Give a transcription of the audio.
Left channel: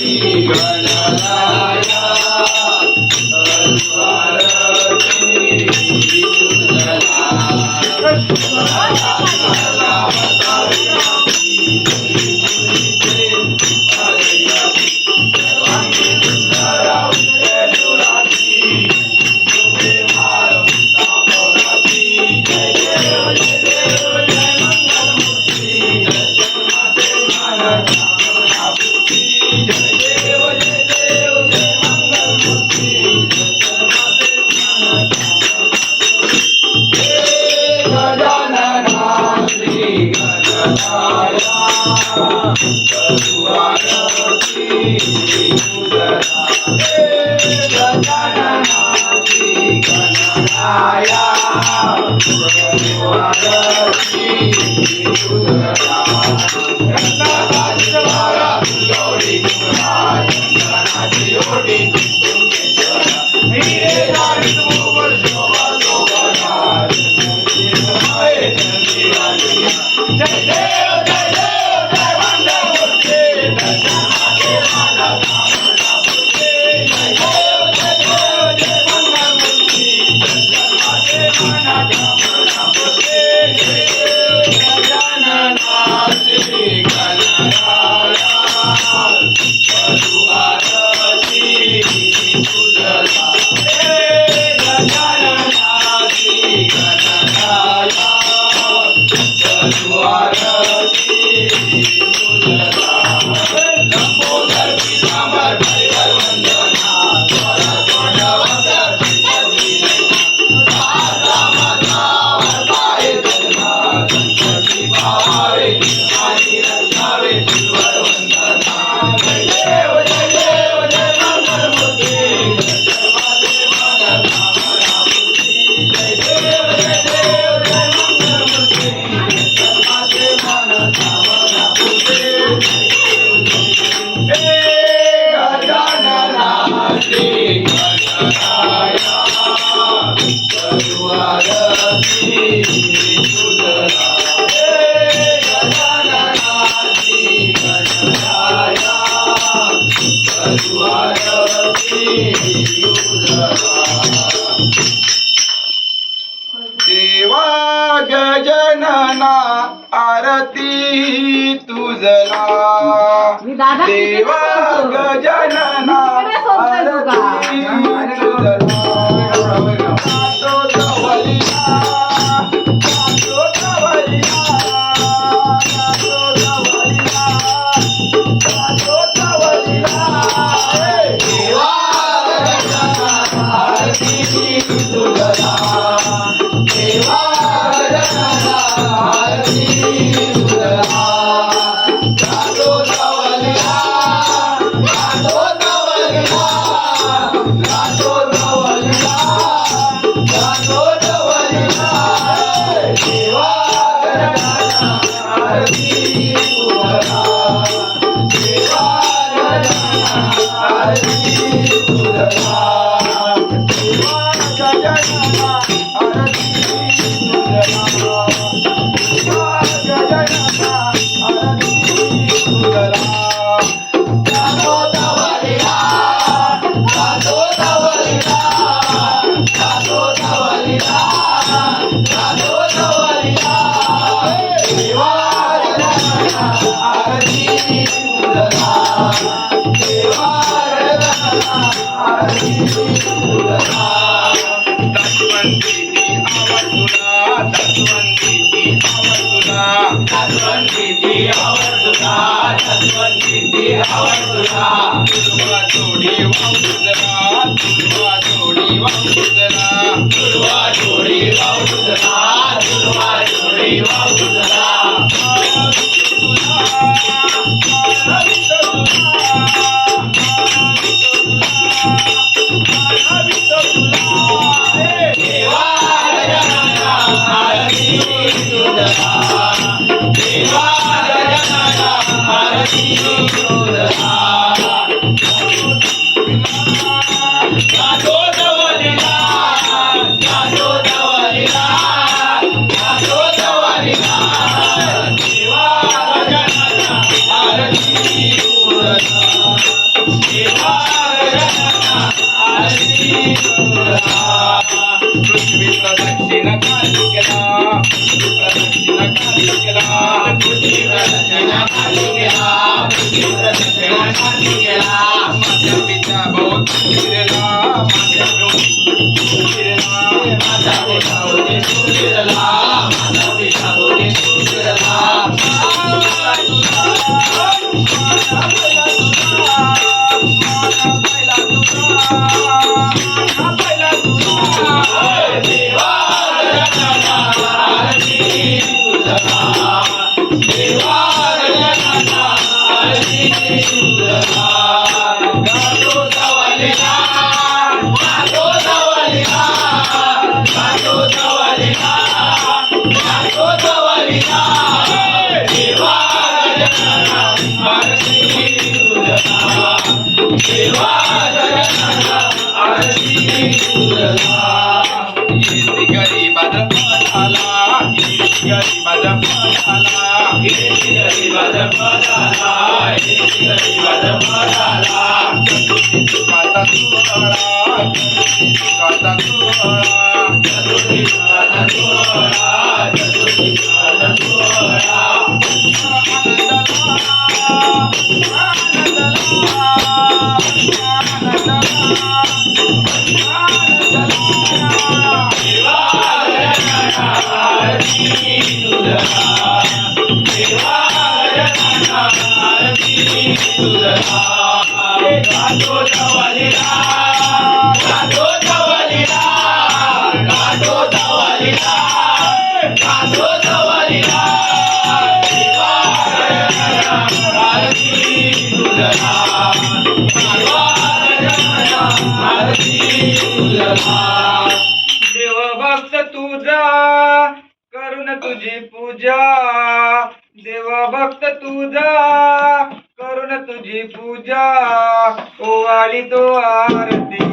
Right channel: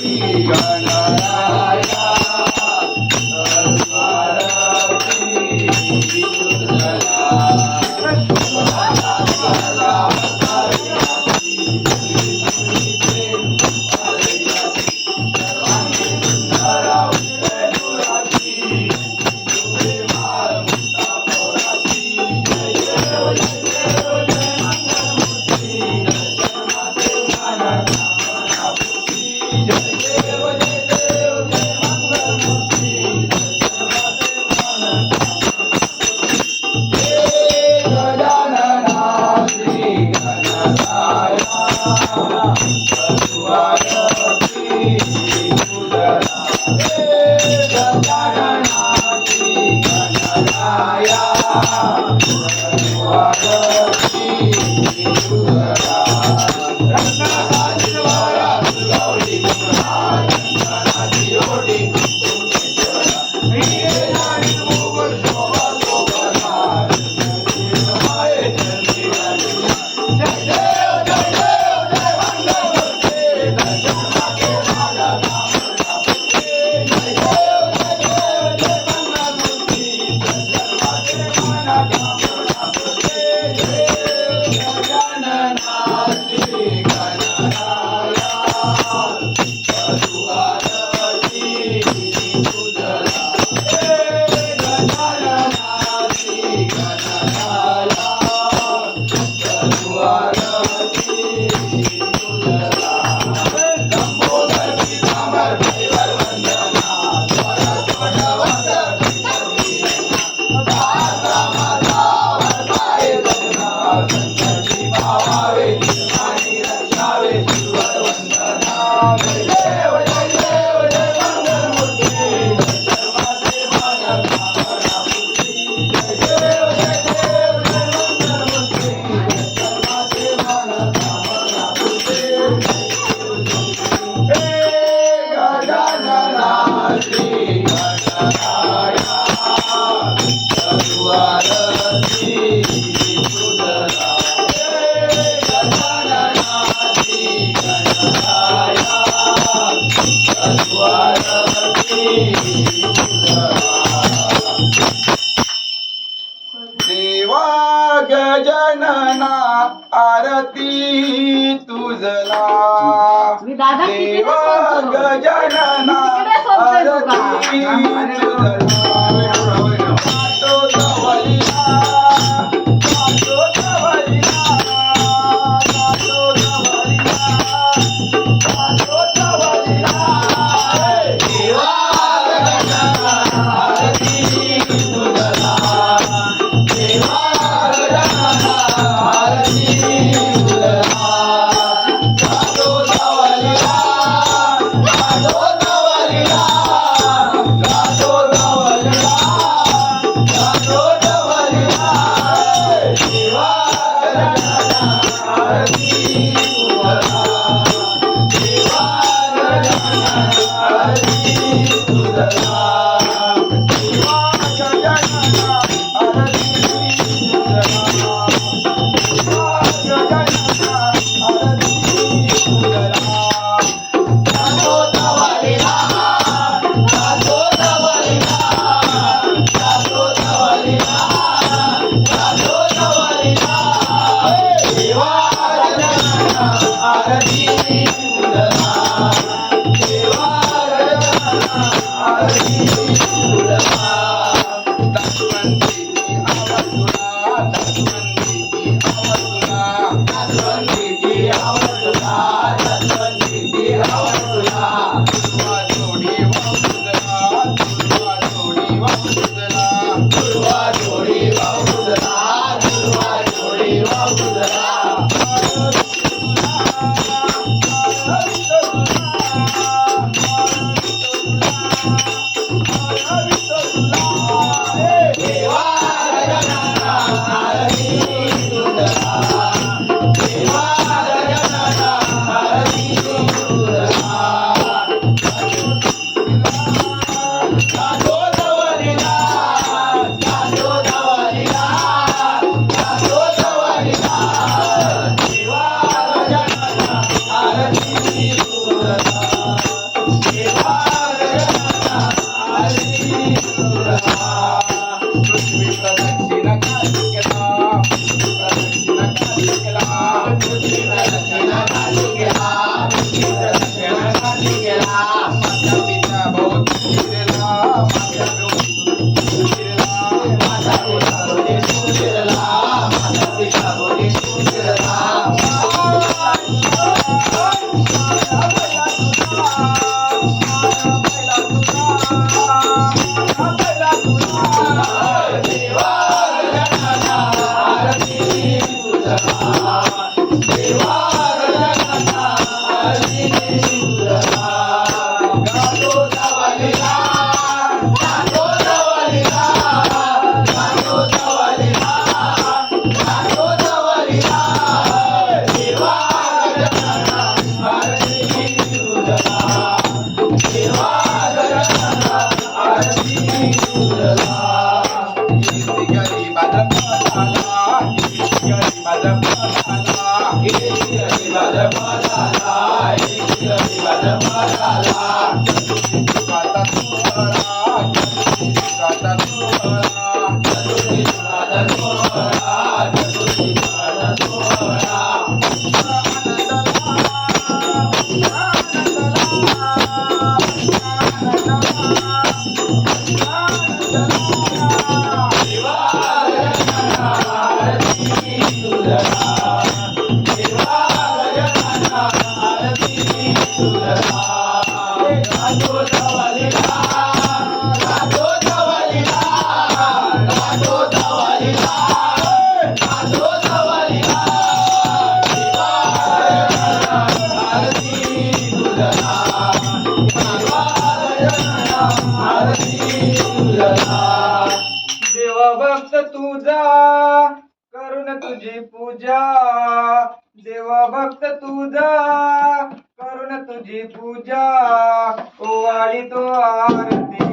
देवा 亿万个家 Bye. तुझा करून तुझी पूजा. देवा भक्त तुझा करून तुझी पूजा. ओ आली तो आरती.